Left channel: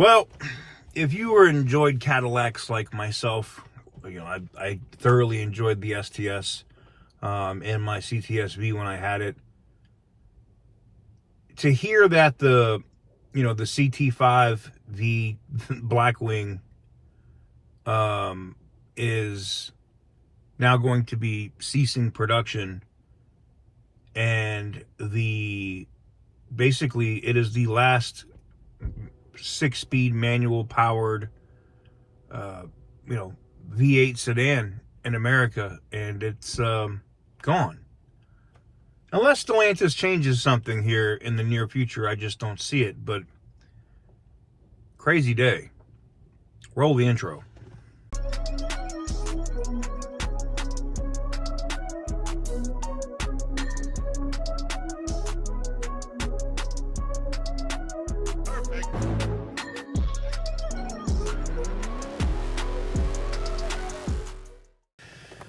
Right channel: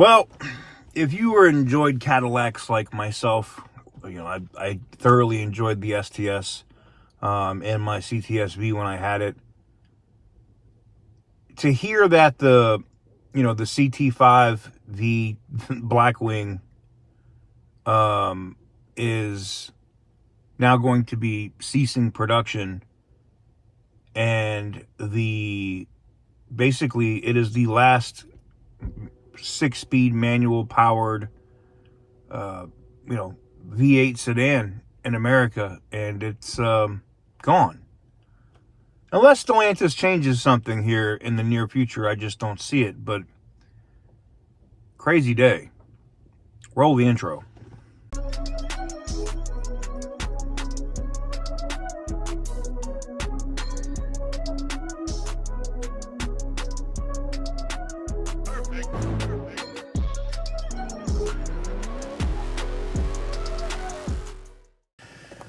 Well, if you enjoyed Cadillacs like myself, I thoroughly enjoyed the STS and my CTSV when I had it. To hear that the CT5, the Blackwing, is now going to be ceasing production, and basically it is the last 6-speed manual powered V8 sedan in America, and it's gone. Unless Stellantis changes something here in the near future, I just don't see it. But crazy day. Roll the intro.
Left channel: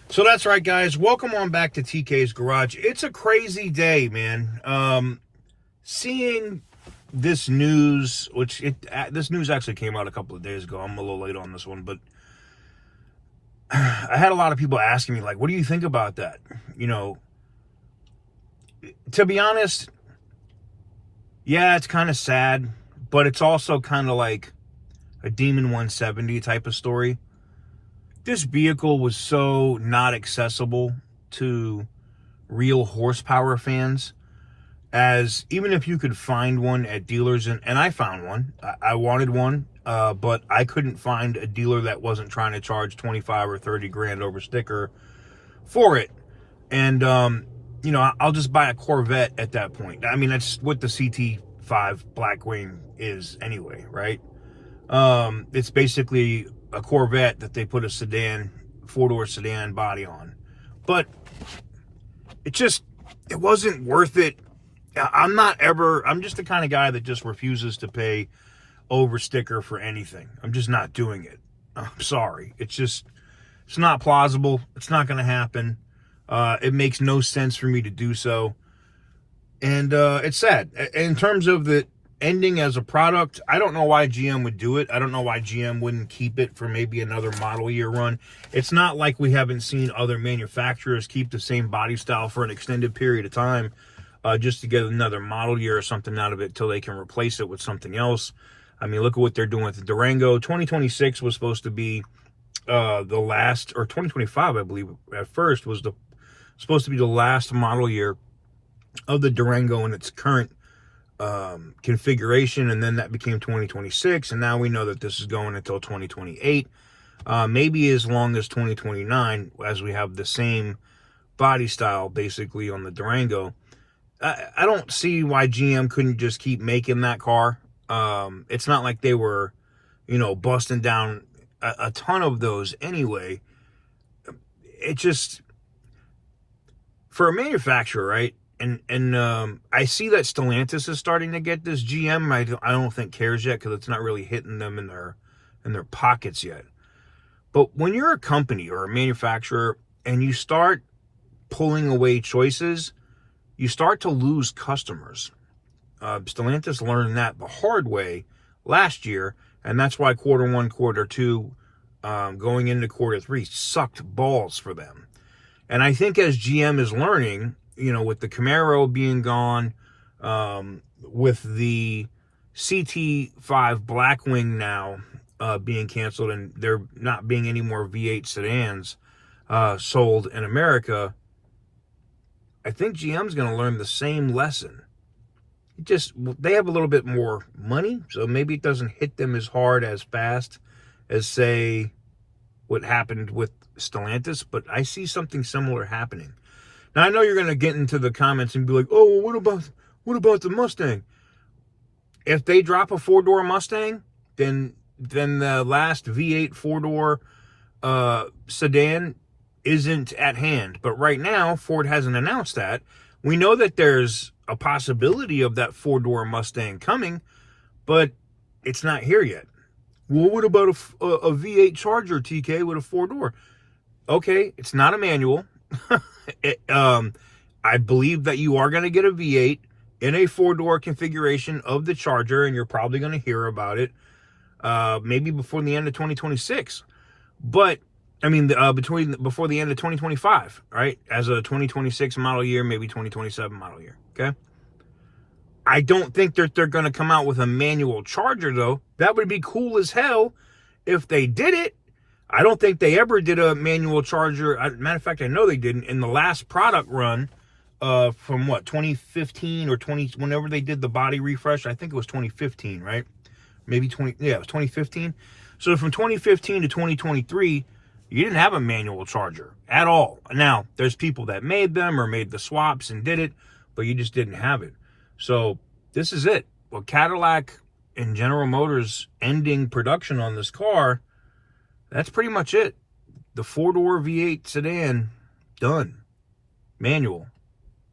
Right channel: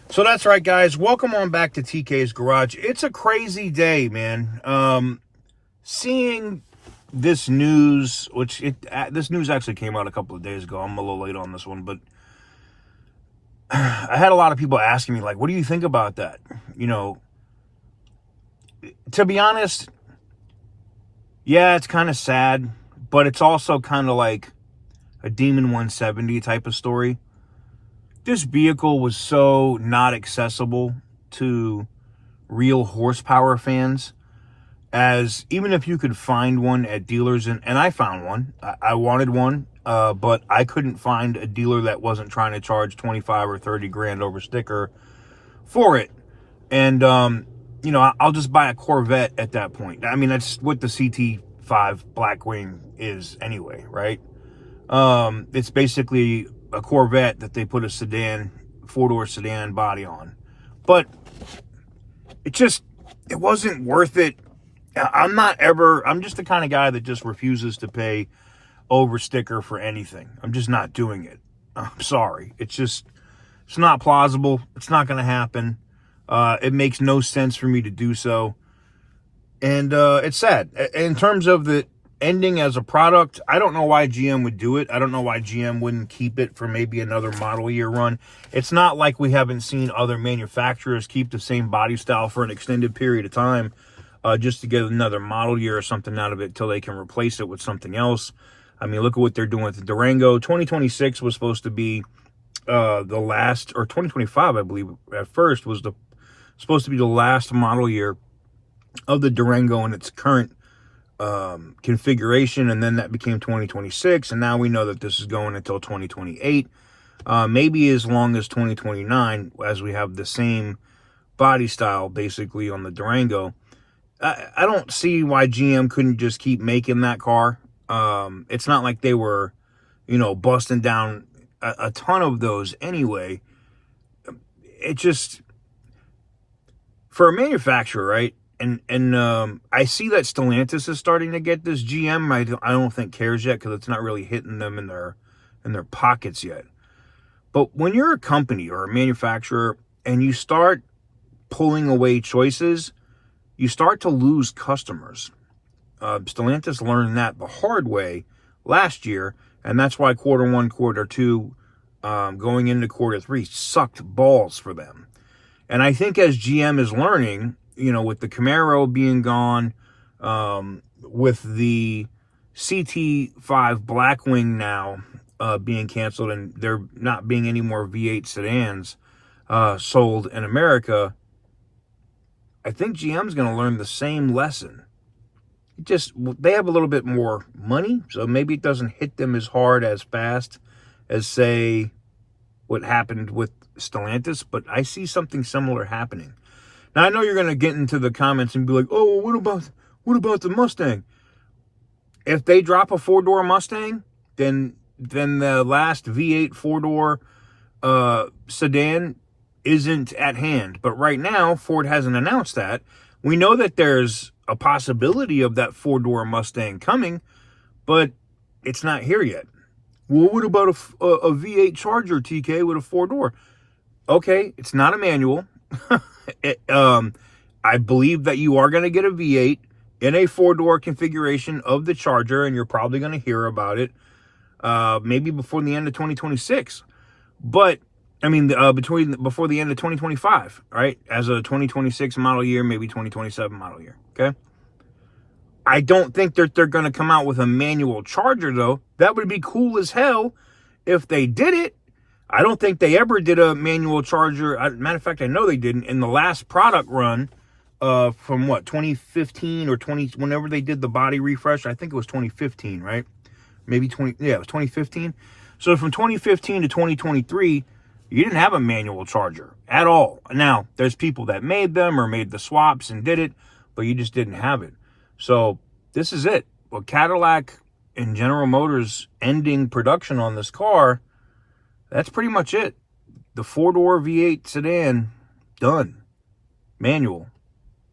So that's right, guys. Welcome on back to TK's Garage. It's a crazy day, man. Seeing this news, this news actually came out a couple of days ago. I'm a little late on this one, but I had a lot of people asking me, like, what do you think about that? To be honest, yeah, it's kind of sad, but it's also kind of like a Demon 170 type of story. This vehicle was so not accessible to real horsepower fans, as even if you could find one at dealers, and I found one, I wanted one, but I couldn't find a dealer that wasn't trying to charge 25 or 30 grand over sticker for it. And, I'll just buy a Corvette at that point. I mean, that's what the CT5 Blackwing is anyway, right? It's basically a Corvette that they put a sedan, 4-door sedan body on. But it wasn't worth it. I'm just the kind of guy that just refuses to pay over sticker for anything. I'm just not doing it. I'm sorry. It's not plausible. It's not going to happen. It makes no sense for me to do so. And it's sad. In terms of the ending as a product, I don't know why GM would do it. I don't know why GM wouldn't keep it for maybe another model year run. It's not like we haven't seen other manufacturers keep the same body style for an extended period of time just to get another model year or something out of it till they can replace it with something else. I mean, look at what they're doing with the Durango. 2026 was supposed to be the last, or 2025, I believe, at first, was supposed to be the last model year of the Durango in its current configuration, and then that became 2026, and now we know that this is going until 2028, maybe as long as 2029, as we have the same body style basically on the Durango. I don't see why GM couldn't just keep making that car. It's not like they were busting down a ton of those anyway. It just, for a manufacturer, right? And I see that Stellantis is starting to get this. GM, I don't think cares yet, because it's not really hitting them in their pockets yet. But when you're a company or a manufacturer and you start pulling away choices, you start to lose customers. Stellantis learned that the hard way last year, and that's why quarter one, quarter two, going into quarter three sucked balls for them. And I think as GM is learning, with the Camaro being gone, with the CT5 Blackwing now being canceled, and there not being any more V8 sedans sold in America, I think GM's going to learn the same lesson. They have a little bit more money, so maybe it doesn't hit them as hard, as fast as, say, what happened with Stellantis, but I see something similar happening. Now, I know you're going to get into the comments and be like, oh, well, what about the Mustang? If they drop a 4-door Mustang, then the last V8 4-door sedan isn't at hand. But right now, Ford hasn't announced that. We know that there's a possibility of that 4-door Mustang coming, but it's not here yet. Well, what about a V8 Charger, TK, with a 4-door? Okay, it's not a manual. I believe that you are going to get a V8 in a 4-door configuration of the Charger, and you're probably going to hear about it. maybe before the end of 2026. But I mean, before the end of 2025, right? As a 2026 model year, maybe 2027 model year. Okay. I don't think that they're going to come out with a manual charger, though. That would be cool as hell if they did it. I don't think they ever did a manual charger. Matter of fact, I know they didn't. In the last product run from what, 2015 or 20, whenever they did the body refresh, I think it was 2015, right? Maybe 20, yeah, it was 2015. So from 2015 to 2023, you didn't have a manual charger at all. Now, there's people that made them or made the swaps and did it, but you just didn't have it. So this is it. Well, Cadillac and General Motors ending production on this car, that's pretty much it. The 4-door V8 sedan, done. Manual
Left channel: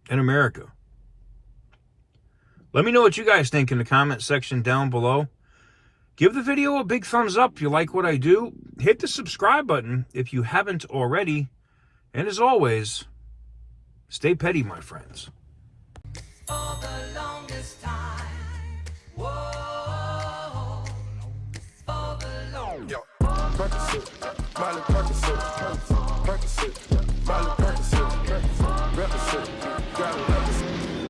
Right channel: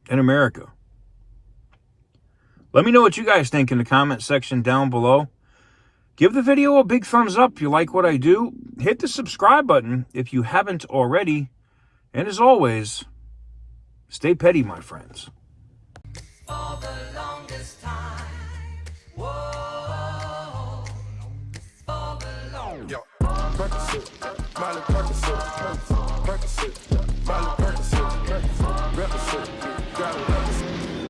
in America. Let me know what you guys think in the comment section down below. Give the video a big thumbs up if you like what I do. Hit the subscribe button if you haven't already. And as always, stay petty, my friends. For the longest time. Whoa. For the longest time. Percocet, Miley Percocet, Percocet, Miley Percocet.